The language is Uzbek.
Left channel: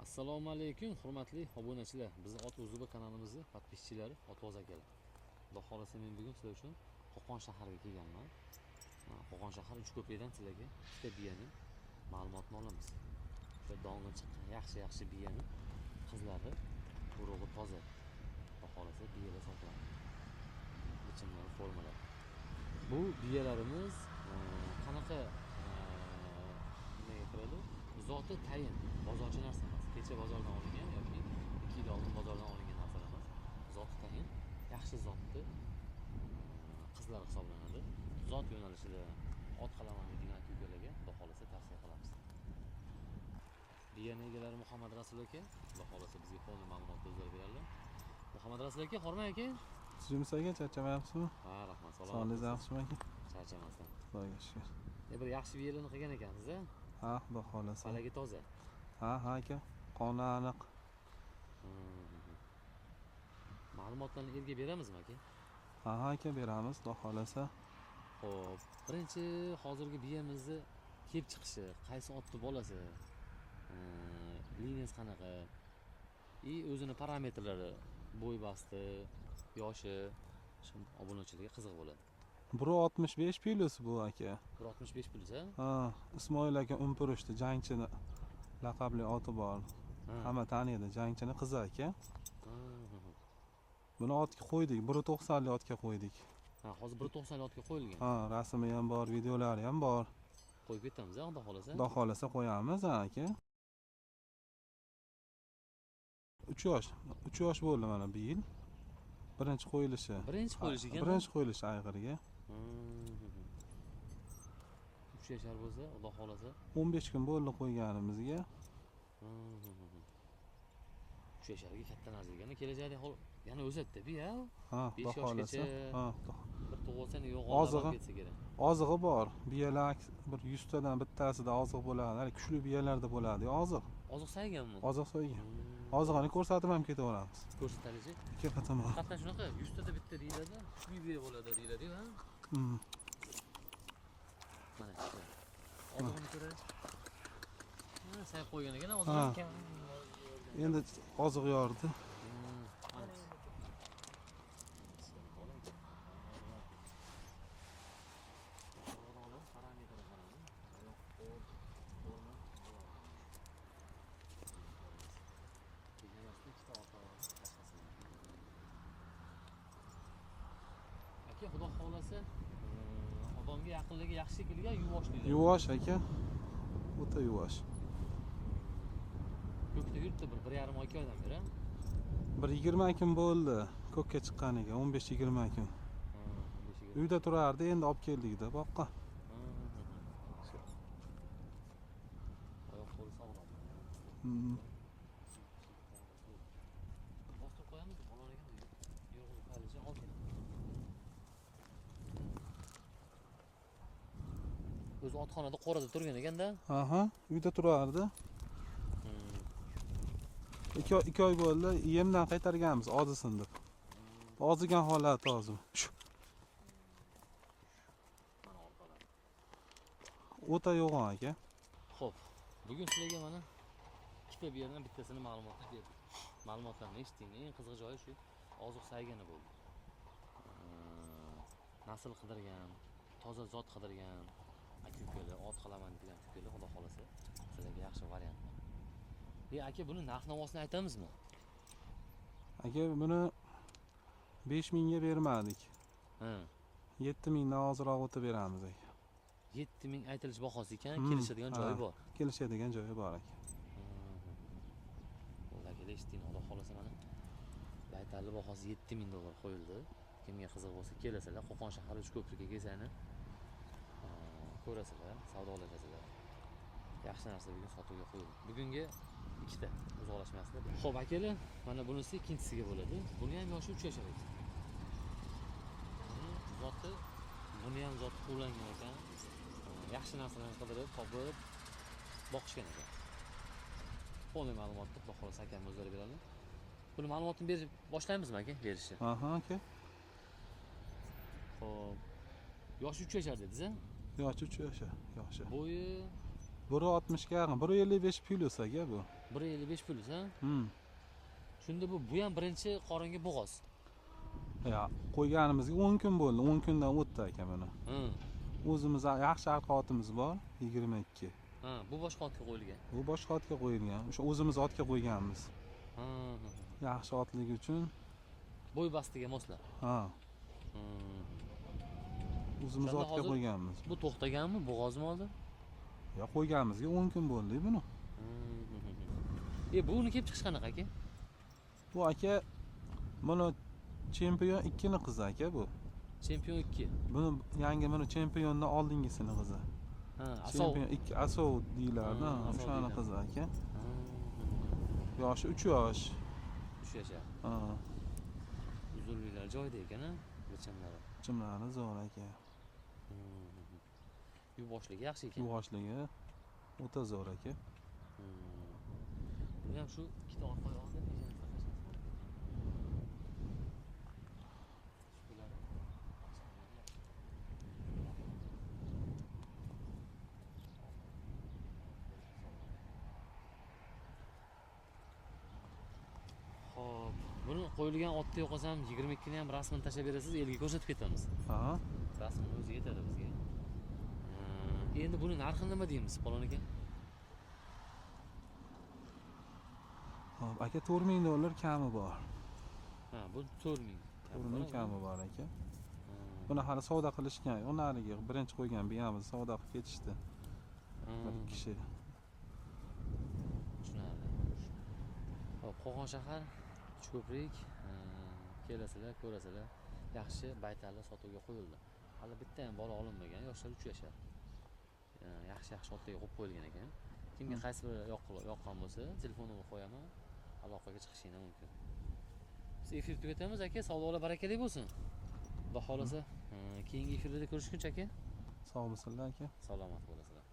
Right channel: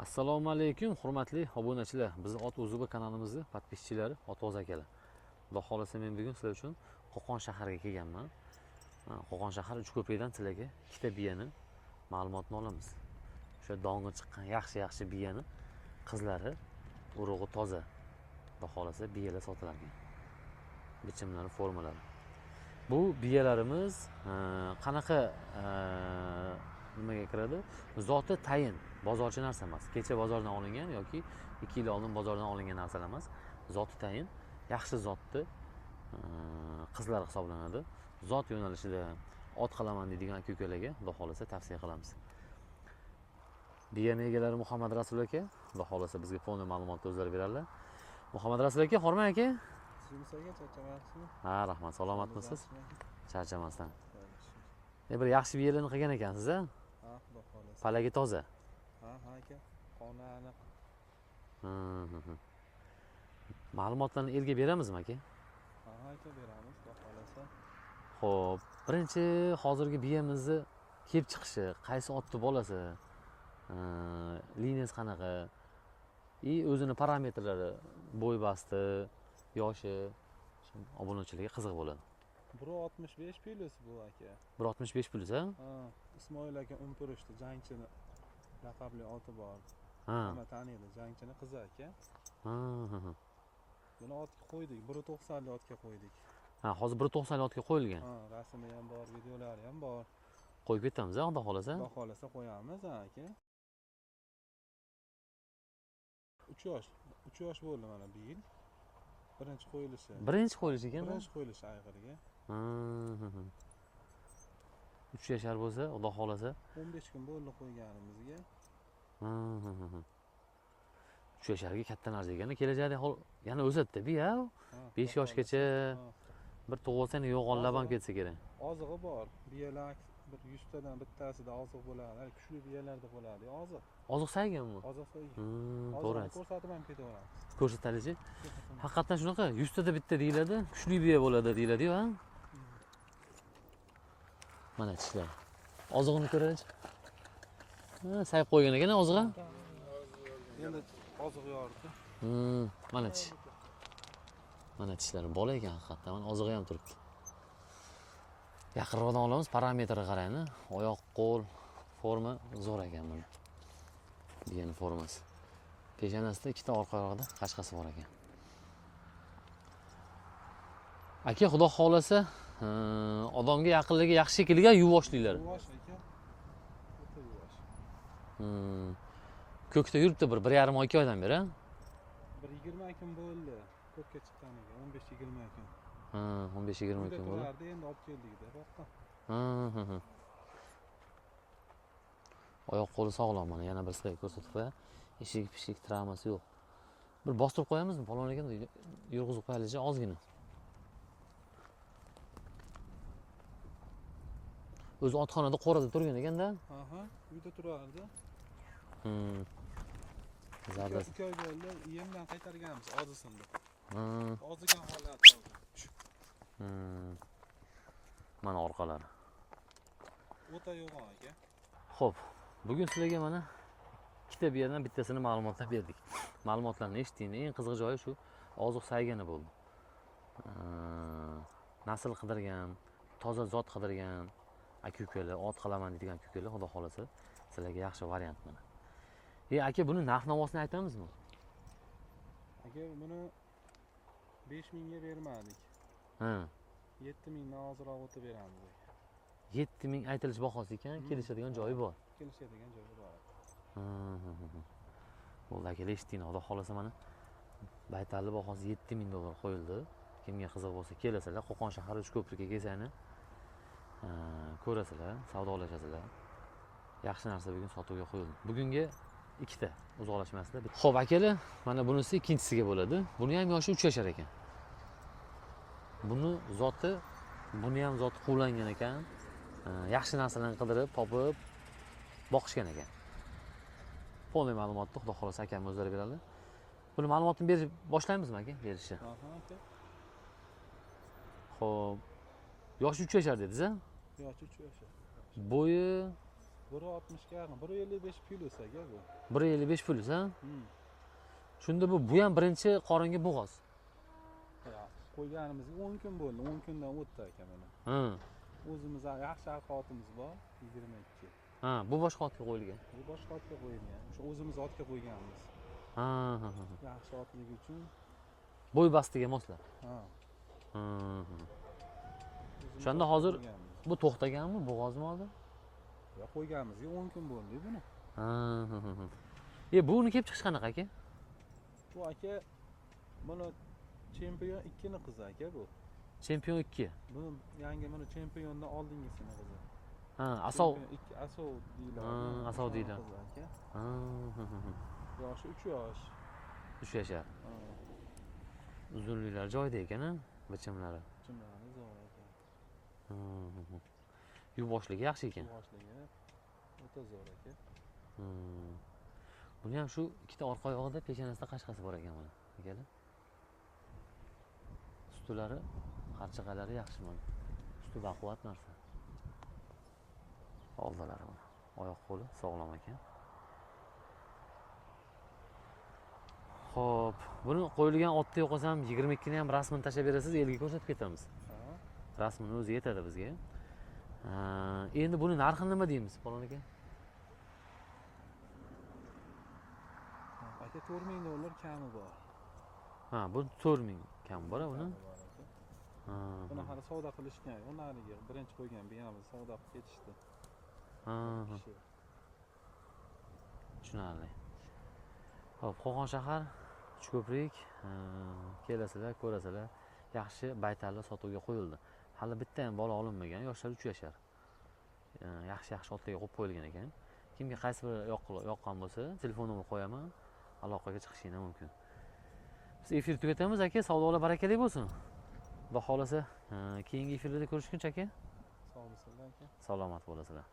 Assalomu alaykum, hurmatli obunachilar. Bizning Ot Uzubi kanalimizning podpischilari, Otvoz akalar. Xudo xolasa men bugun sizlar uchun Qo'qon shahriga kelganman. Qo'qon shahar Uchko'prikdan sizlarga ikkita biyani ma'lumotni olamiz. O'sha dong'i chiqqan yaxshi biyani qizlari, urug'i toza. Xudo xolasa biyalar sotiladi. Bichimlari, formalari. Bu biyalarimiz qanaqa nimaga kiradi? Zoti tayin, bozorchi narsa emas. Kecha bozordan olingan yoki 2 yil oldin bozordan olingan narsalar emas. Zoti tayin, yaxshi zotni qizlar hisoblanadi. Zot yo'nalishida ot qilaman deydigan aka-ukalarga xudo xolasa tavsiya qilamiz. Biyani egalari Muhammad Rasul aka, xudo xolasa bizga fonni ma'lumotni o'zlari beradilar. Muhammad Rasul aka, hormang aka. Sizimiz aka, charchamayapsizmi? Ha, rahmat, salomatmisiz? Charchamasdan. Xudoga shukr. Bir yaxshi biyalarni qilgan ekansiz, a? Ha, xudo xolasa. Palagi toza. Ha aka, qoni aniq. Ma'lumotlarni erga beramizmi aka? Ha aka, beramiz, xudo xolasa. Xo'p, birinchi hozirgi biyamizni kelib chiqishi, qaysi otni bolasi, liniyasi qanaqa, o'zini parametrlari, bo'y basti, yoshi, obunachilarga qiziq bo'ladi. 1.65 plus bu aka. 1.65 plus, a? Ha, Ismoil aka Umpurishdi, jangchini laqabli oti bor. Hamma taniydi, jangchini qizi aka. Buni otga qo'ydik, 1.90 li otga qo'ydik. Ha, hozir 1.90 li otga qo'yilgan. Ha, rasmi ham bor, videolari ham bor. Qo'yib ketamiz, xudo xolasa. Xudo xolasa qo'yamiz aka. 3 yosh bo'ldi mana bu yil. Birinchi qo'yilishi. Birinchi qo'yilishi ekan. Birinchi qo'yilishi ayg'iriga. 3 yashar bo'lsa, xudo xolasa 15 kun bo'ldi qo'yganimizga. 3 yasharga katta narsa ekan. Kelajakda yana o'sadi-da, biya. 5 yoshgacha bir tug'ilsang yo'g'onlab ham ketsa kerak. Ozig'i bor. Biyalar bir 100 tadan bittasida oziq bo'ladi. Kuchli biyalarda bo'ladi, oziq. Oziq sayganmi? Oziq so'ygan. Ozig'ini ko'rsatib ham ketaveramiz. Ko'rsatalichi? Ketaman. Haqiqatan shunaqa 100 tada bitta deyiladi, kuchli biya bo'ladi deyiladi-ku, ha? Mana tishlar. Ozig'ini ko'raylik. Sayib qo'ygan ekan ozig'i. Endi oziq yordi. Mana tish. Mana tishlari bola ekan haqiqatan. Mana ozig'i ham turibdi. Yaqinroqdan olamiz, parametrga qarayni. Oyoq, qo'l, forma zo'r ekan buni. Biyaning formasi. Peshanasida ikkita orqaroqda qashqasi bor ekan. Aka, xudo xolasa, odamga yaqinligi yaxshi shekilga yuvoshlilar. Yuvosh aka. O'ta yuvosh. Ko'kda yuribdi bir 1,5 oy 2 oydan beri, ha? 1-20 kun bo'ldi ko'kka chiqqaniga, 15-20 kun. 15-20 kun. Uyda turardi, endi olib keldik-da boqqa. Oyoq qo'li sog'lom mana, yana bir siqib ko'rsatib qo'ya. Eshik travmasi yo'q. Bir bostirib qo'yamizmi? Palon ekan, yurg'izib qo'yaylik ozgina. O'zi otxonada qorada turgan ekanda. Uyda turardi. 2 oy bo'ldi, yemdan qaytarganmiz, ozisindi. Ozigan holati hozir. Mana orqalari. O'ta yo'g'on aka. Xo'p, bugun sizlarga mana ikkita biyadan bittasini ma'lumotlar berdik. Ma'lumotlarni eshitding, eng qiziq joyi shu, oziq saygani bo'ldi. Nasl qidirgan, toza zot qidirgan aka-ukalar, ot qilaman deydigan aka-ukalar, xudo xolasa sizlarga yaxshi variant mana. Aka, buni narx-navosini aytamizmi? Aka, buni 5000 ga bermadik. 7000 dan ozroq o'tib beramiz aka. 7000 aytilish bahosi ekan, kelishadigan joyi bor. Kelishadigan joyi bor aka. Bo'ldi aka, eshitding, xudo xolasa mana baytalli bahosi 7000 dollar qo'yildi. Kimga qiziq bo'lsa, kelasizlar, Qo'qon shahar Uchko'prikka kelsangni ko'rasizlar, savdolashasizlar. Yaxshi narsa bugun sotuvga qo'yildi. Bugunga ikkita, uzoqlashmasizlar. Xo'p akalar, mana bunisi ikkinchisiga bo'ladi. Buni ham yoshi 3 yashar ekan. Buni ham zoti quvlangan ekan. Yaxshi narsalarni qidirib, topib boqishgan ekan. To'liq ma'lumotni xudo xolasa akam o'zlari beradi. Buni ma'lumotni berib boshlaymizmi aka, berishni? Aka. Xo'p. Yoshi 3 yashar dedingiz-a? Yoshi 3 yashar. Bo'yi 1.60 ga yaqin, 1.55 plus aka bu. 1.55 pul, ha? Hmm. Shunda bu ham birinchi qoringa bo'g'oz. Ya, qo'yganimizga 10 kun bo'ldi. 10 kundan o'tdi aka mana. Ha. O'zimiz yaxshi arqa otimiz bor, 22. Ha, bu boshqa otga qo'yilgan. Bu boshqa otga qo'yilgan. O'sha o'zimiz otga qo'yganmiz. Ha, ha, ha. Yaxshi otligi uchun. Bo'y bastiga moslab. Ha, o'zimiz O'shanda otga hozir qo'yganmiz. bu to'xtaganmi, bo'g'ozmi hozir? Ya, qo'yganimizga 10 kun bo'ldi buni. Ha, ha, ha. Buni kelib chiqish qanaqa aka? Bu aka mana chempion 2 ni qizi aka bu. Chempion 2. Buni yangi mana chempiondan oldingisini qizi. Ha, asov. Chempion 2 asov deyiladi. Ha, asov O'shani deyiladi. qizi aka. Ha, ha, ha. Yoshi 3 yosh. 3 yashar. Ha, Uzunliklar joyida ekan, bichimlari. chimlari zo'r aka. Yuvoshligi yaxshi ekan. Yuvoshligi o'ta zo'r aka. Buni ham shu ikkita orqa oyog'ida peshonasida qashqasi bor ekan mana. Ustulari, qarchig'alari yaxshi mana. Usti baquvvat narsa. Oldalari mana. Oyoq qo'li sog'lom ekan. Xo'p, buni qo'yilgan otda yo'qolsam 22 ni ham rasmini tashlab berasiz, elga ko'rsatib ketamiz. Ha. Rasmini o'zi yetadi bizga. Endi buni narxi nima deymiz, palon aka? Hop, aka $4000 kami bor. Ha, bu 4000 kam bor, Kami bor aka. Ha. Buni hali savdo qilishgan. Onariga birinchi qo'ygan biyamiz savdo qilib ketishdi. Bir kishi. Tushunarli. Hop, Qo'qon shahar, Uchko'prik, kelasizlar, ko'rasizlar. Yaxshi baytallar sotuvga qo'yildi. Hali bitta ham bola olinmagan, yoshlar 3 yashar. Yaxshi otlarga qo'yib qo'yilgan ekan. Kimga qaysi biri yoqqan bo'lsa, telefon nomer qo'yaman, aloqaga chiqishingiz mumkin. Biz efir tugatamiz aka, savdolar barakali bo'lsin. Xudo xolasa, keyingi efirda ko'rishguncha aka. Sog' bo'lsinlar aka. Salomat bo'lasizlar.